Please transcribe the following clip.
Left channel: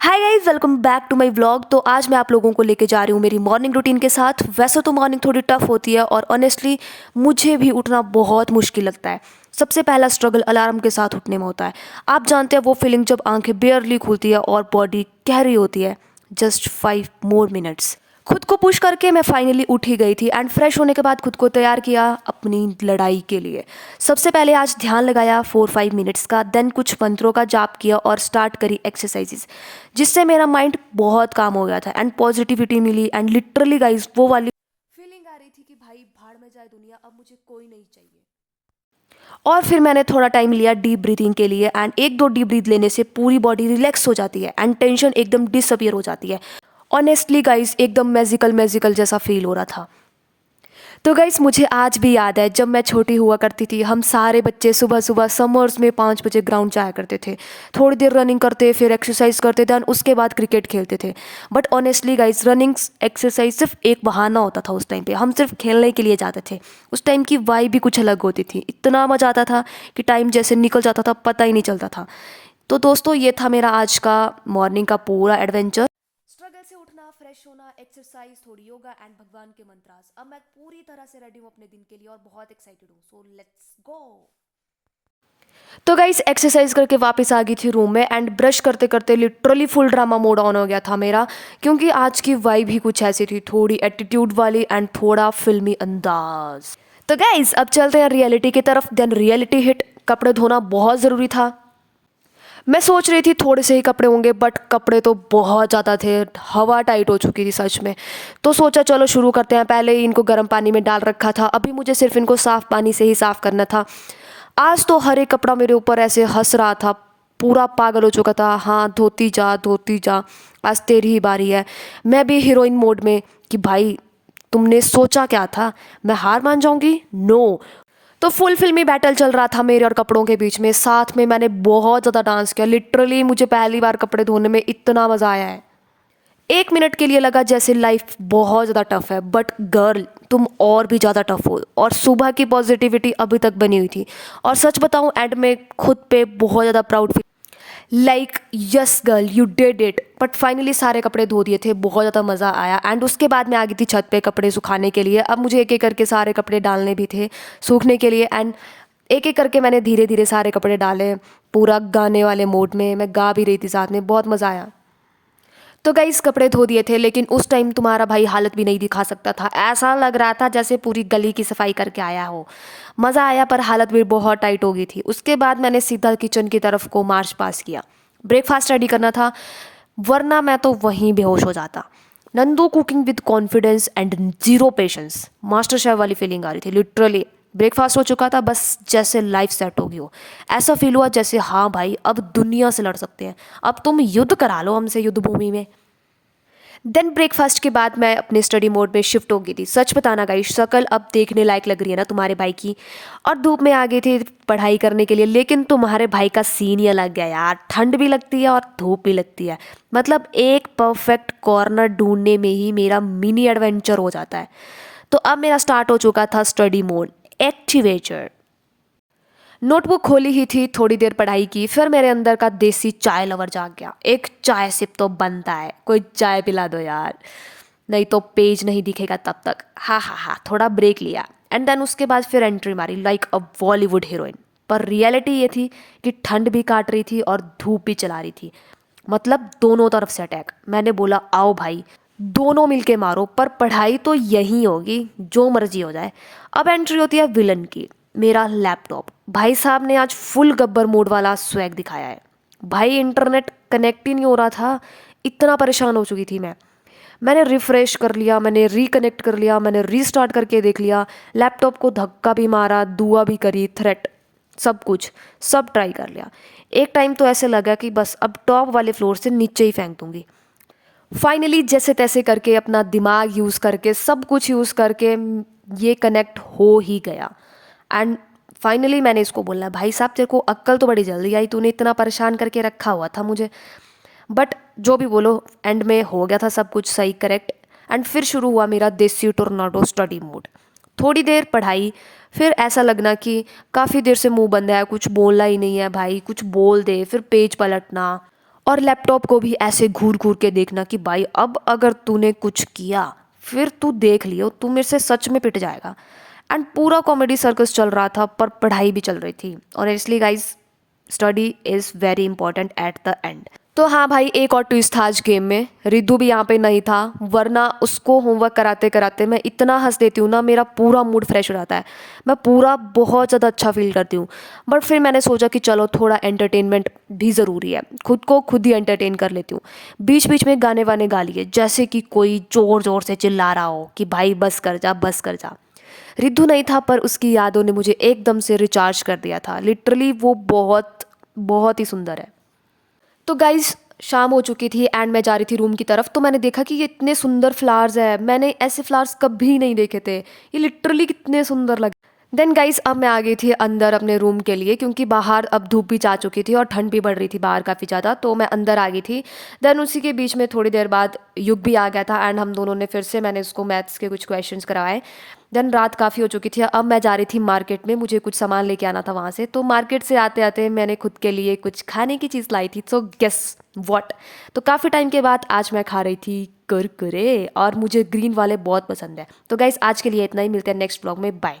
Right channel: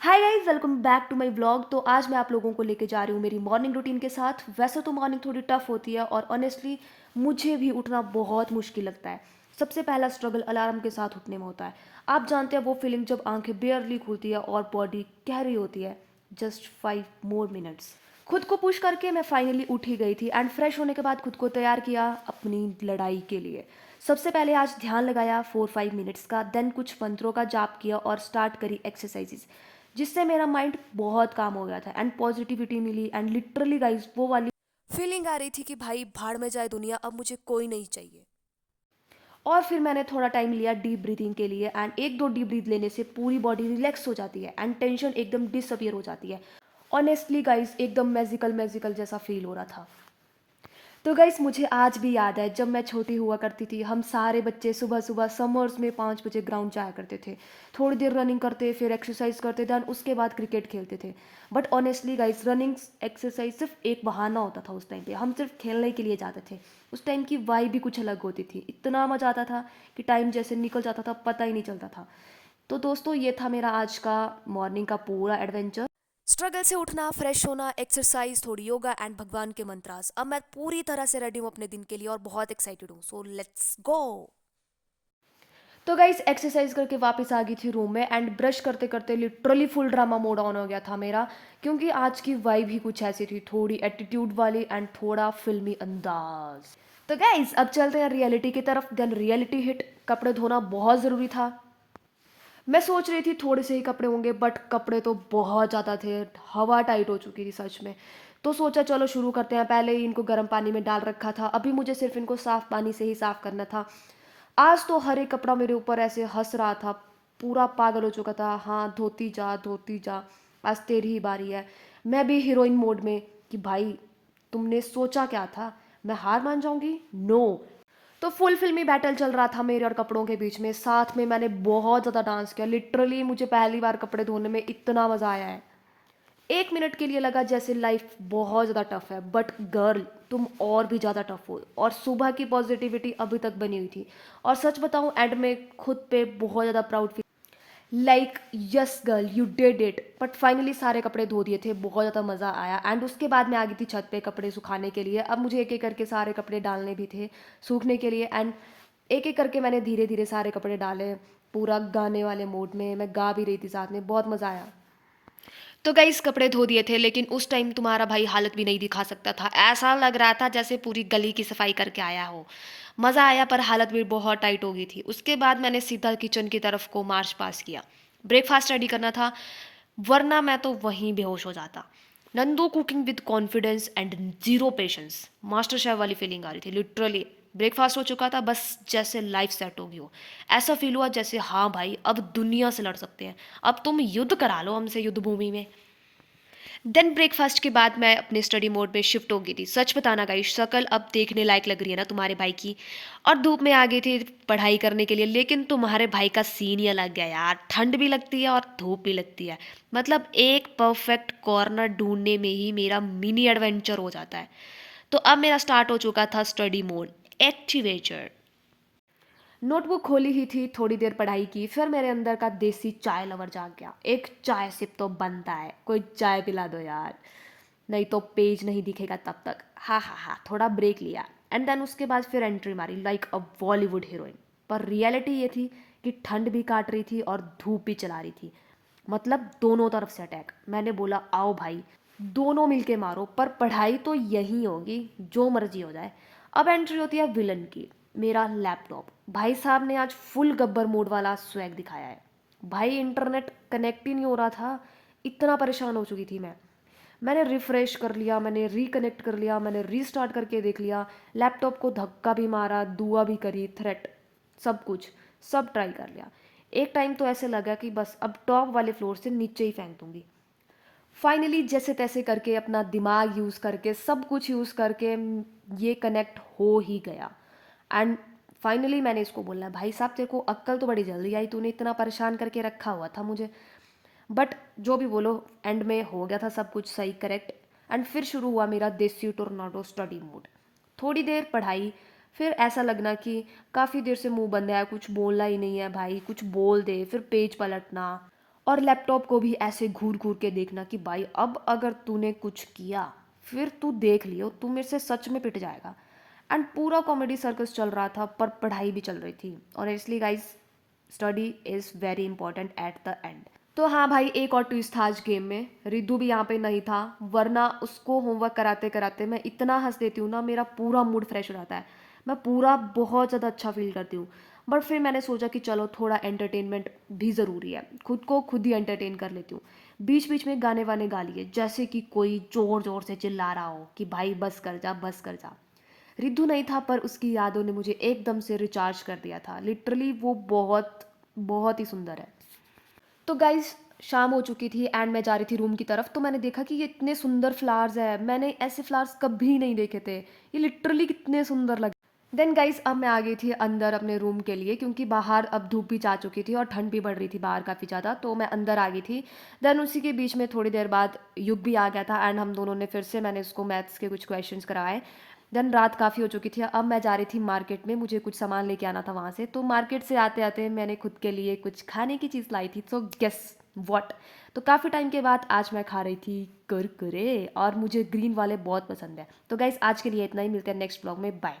Hi guys, welcome back to my vlog. तो आज मैं आप लोगों को लेके जा रही हूँ मेरी मॉर्निंग रूटीन के साथ। वैसे तो मॉर्निंग थोड़ी टफ होती है और ऑनेस्टली मुझे भी उठना बहुत मुश्किल लगता है। सबसे पहला स्ट्रगल अलार्म के साथ उठने में होता है। आप जानते हैं वो फीलिंग जब आंखें बेयरली खुलती है और बॉडी कह रही होती है जस्ट 5 मोर मिनट्स। खुद को पुश करके मैं फाइनली उठ ही गई थी एंड फ्रेश होने के बाद खुद को तैयार किया अपनी लड़ाई के लिए। सबसे पहले आज ध्यान लगाया 4-5 मिनट्स का, देन कुछ मंत्रों का जाप किया और स्टार्ट करी एक्सरसाइजेस, जिससे मेरा माइंड बहुत काम हो गया था एंड पॉजिटिविटी मिली। एंड लिटरली गाइस वो वाली फीलिंग आ रही थी कि भाई भाड़ में जाए दुनिया, अब मुझे कोई नहीं चाहिए। और फिर मैंने थोड़ा टाइम लिया डीप ब्रीथिंग के लिए एंड एक दो डीप ब्रीथ लेने से पूरी बॉडी रिलैक्स हो जाती है एंड टेंशन एकदम डिसअपियर हो जाती है। ऑनेस्टली गाइस एकदम मैजिकल मैजिकल जैसा फील हो रहा था। तो गाइस मुझे आज भी याद है जब मैं छोटी हुआ करती थी, हम सारे बच्चे सुबह सुबह समर्स में 5 बजे ग्राउंड जाया करते थे। थोड़ी देर रनिंग करते, फिर एक्सरसाइज करते थे, उसके बाद क्रिकेट खेलते थे। But honestly guys running exercise सिर्फ एक बहाना होता था उस टाइम पे, हम सिर्फ खेलने के लिए जाते थे। उस टाइम की वाइब भी कुछ अलग होती थी, इतना मज़ा आता था कि टाइम जैसे निकल जाता था पता ही नहीं चलता था। तो दोस्तों ये था मेरा आज का मॉर्निंग का पूरा एडवेंचर। स्ट्रगल से उठना, फ्रेश होना, एक्सरसाइज, थोड़ी योगा एंड भगवान के मंत्रास। अब मैं पूरी तरह से रेडी हूँ अपने दिन के लिए और बहुत एक्साइटेड हूँ, सो लेट्स गो। तो गाइस एक्सरसाइज करके वापस आ गई थी रूम में एंड ब्रश करते करते literally full drama mode on हो गया था मेरा, क्योंकि आज की वाइब ही कुछ ऐसी थी, थोड़ी एटीट्यूड वाली एंड थोड़ा फिल्मी अंदाज। तो गाइस अब चलते हैं रियलिटी की तरफ। देन रियलिटी हिट, कपड़े धोना बहुत ज़रूरी था। मैं सोच रही थी थोड़े से ही कपड़े होंगे, बट कपड़े तो बहुत ज़्यादा थे, हवा टाइट हो चुकी थी सच में। तो सोचा चलो शुरू करते हैं। पहले ही इनको गर्म पानी में डाल रखा था, अभी मुझे सिर्फ इनको साफ़ पानी से ही साफ़ करना था। आज तो हर एक कपड़ा मेरे ऊपर ऐसे हंस रहा था, पूरा पागल हो चुका था। हाँ धोती जा, आज तेरी ही बारी है। मैं भी हीरोइन मोड में कि भाई तुमने सोचा क्या था, मैं हार मान जाऊंगी? नो। तो फुल फिल्मी बैटल चल रहा था मेरे और कपड़ों के बीच में। साथ में मैंने बहुत ज़्यादा डांस किया, लिटरली मुझे पहली बार कपड़े धोने में इतना मज़ा आया है। 1 मिनट के लिए लगा जैसे लाइफ बहुत ज़्यादा टफ है, बट गर्ल तुम और भी ज़्यादा टफ हो। और सुबह की पॉजिटिविटी अभी तक बनी हुई थी। और सच बताऊं एंड में खुद पे बहुत ज़्यादा proud feel, like yes girl you did it. But finally सारे कपड़े धो दिए थे, बहुत ज़्यादा मज़ा आया। एंड उसके बाद मैं आ गई थी छत पे कपड़े सुखाने के लिए। अब मुझे एक एक करके सारे कपड़े डालने भी थे सूखने के लिए। एंड एक एक करके मैंने धीरे धीरे सारे कपड़े डाले, पूरा गाने वाले मोड में मैं गा भी रही थी साथ में, बहुत मज़ा आया। तो गाइस कपड़े धो दिए थे, लेकिन उस टाइम तुम्हारा भाई हालत भी नहीं दिखा सकता था। ऐसा लग रहा था जैसे पूरी गली की सफाई करके आया हो। मज़ा आया पर हालत भी बहुत टाइट हो गई थी। उसके बाद मैंने सीधा किचन की तरफ को मार्च पास किया। ब्रेकफास्ट रेडी करना था, वरना मैं तो वहीं बेहोश हो जाता। Nandu cooking with confidence and zero patience, master chef वाली फीलिंग आ रही थी लिटरली। ब्रेकफास्ट हो चुका था, बस जैसे लाइफ सेट होगी हो, ऐसा फील हुआ जैसे हाँ भाई अब दुनिया से लड़ सकते हैं, अब तुम युद्ध करा लो हमसे युद्ध भूमि में। देन ब्रेकफास्ट के बाद मैं अपने स्टडी मोड में शिफ्ट हो गई थी। सच बताना गाइस शक्ल अब देखने लायक लग रही है ना तुम्हारे भाई की। और धूप में आ गई थी पढ़ाई करने के लिए, लेकिन तुम्हारे भाई का सीन ही अलग है यार, ठंड भी लगती है और धूप भी लगती है। मतलब एक परफेक्ट कॉर्नर ढूंढने में ही मेरा मिनी एडवेंचर हो जाता है। तो अब मेरा स्टार्ट हो चुका था स्टडी मोड एक्टिवेटर। नोटबुक खोली ही थी, थोड़ी देर पढ़ाई की, फिर मेरे अंदर का देसी चाय लवर जाग गया। एक चाय सिप तो बनता है, कोई चाय पिला दो यार, नहीं तो पेज नहीं दिखेगा तब तक। हाँ हाँ हाँ, थोड़ा ब्रेक लिया एंड देन उसके बाद फिर एंट्री मारी लाइक अ बॉलीवुड हीरोइन। पर रियलिटी ये थी कि ठंड भी काट रही थी और धूप भी चला रही थी, मतलब दोनों तरफ से अटैक। मैंने बोला आओ भाई दोनों मिलके मारो, पर पढ़ाई तो यहीं होगी जो मर्जी हो जाए। अब एंट्री होती है विलन की, मेरा लैपटॉप। भाई साहब ने आज फुल गब्बर मोड वाला स्वैग दिखाया है। भाई इंटरनेट कनेक्ट ही नहीं हो रहा था, इतना परेशान हो चुकी थी मैं। मैंने रिफ़्रेश कर लिया, मैंने रिकनेक्ट कर लिया, मैंने रीस्टार्ट करके देख लिया, लैपटॉप को धक्का भी मारा, दुआ भी करी, थ्रेट, सब कुछ, सब ट्राई कर लिया। एक टाइम तो ऐसे लगा कि बस अब टॉप वाले फ्लोर से नीचे ही फेंक दूंगी। फाइनली जैसे तैसे करके अपना दिमाग यूज़ करके सब कुछ यूज़ करके ये कनेक्ट हो ही गया। एंड फाइनली मैंने इसको बोला भाई साहब तेरे को अक्ल तो बड़ी जल्दी आई, तूने इतना परेशान करके रखा हुआ था मुझे। बट जो भी बोलो एंड में हो गया था सब कुछ सही करेक्ट। एंड फिर शुरू हुआ मेरा देसी टोर्नाडो स्टडी मोड। थोड़ी देर पढ़ाई, फिर ऐसा लगना कि काफ़ी देर से मुंह बंद है, कुछ बोलना ही नहीं है भाई, कुछ बोल दे, फिर पेज पलटना। और लैपटॉप को भी ऐसे घूर घूर के देखना कि भाई अब अगर तूने कुछ किया फिर तू देख लियो, तू मेरे से सच में पिट जाएगा। एंड पूरा कॉमेडी सर्कस चल रहा था पर पढ़ाई भी चल रही थी। और इसलिए guys study is very important at the end. तो हाँ भाई, एक और ट्विस्ट था आज गेम में, रिद्धू भी यहाँ पे नहीं था, वरना उसको होमवर्क कराते कराते मैं इतना हंस देती हूँ ना, मेरा पूरा मूड फ्रेश हो जाता है, मैं पूरा बहुत ज़्यादा अच्छा फील करती हूँ। बट फिर मैंने सोचा कि चलो थोड़ा एंटरटेनमेंट भी ज़रूरी है, खुद को खुद ही एंटरटेन कर लेती हूँ। बीच बीच में गाने वाने गा लिए, जैसे कि कोई ज़ोर ज़ोर से चिल्ला रहा हो कि भाई बस कर जा बस कर जा। रिद्धू नहीं था पर उसकी यादों ने मुझे एकदम से रिचार्ज कर दिया था, लिटरली वो बहुत बहुत ही सुंदर है। तो गाइज शाम हो चुकी थी एंड मैं जा रही थी रूम की तरफ, तो मैंने देखा कि ये इतने सुंदर फ्लावर्स है, मैंने ऐसे फ्लावर्स कभी नहीं देखे थे, ये लिटरली कितने सुंदर लगे। देन गाइस अब मैं आ गई थी अंदर अपने रूम के लिए, क्योंकि बाहर अब धूप भी जा चुकी थी और ठंड भी बढ़ रही थी बाहर काफ़ी ज़्यादा, तो मैं अंदर आ गई थी। देन उसी के बीच में थोड़ी देर बाद युग भी आ गया था एंड हम दोनों ने फिर से, मैंने उसको मैथ्स के कुछ क्वेश्चंस करवाए। देन रात काफ़ी हो चुकी थी, अब मैं जा रही थी मार्केट में, मुझे कुछ सामान लेके आना था वहाँ से। तो मार्केट से आते आते मैंने खुद के लिए कुछ खाने की चीज़ लाई थी, सो गेस व्हाट। तो काफ़ी टाइम के बाद आज मैं खा रही थी कुरकुरे, और मुझे ग्रीन वाले बहुत पसंद है। तो गाइस आज के लिए इतना ही, मिलते हैं नेक्स्ट ब्लॉग में, बाय।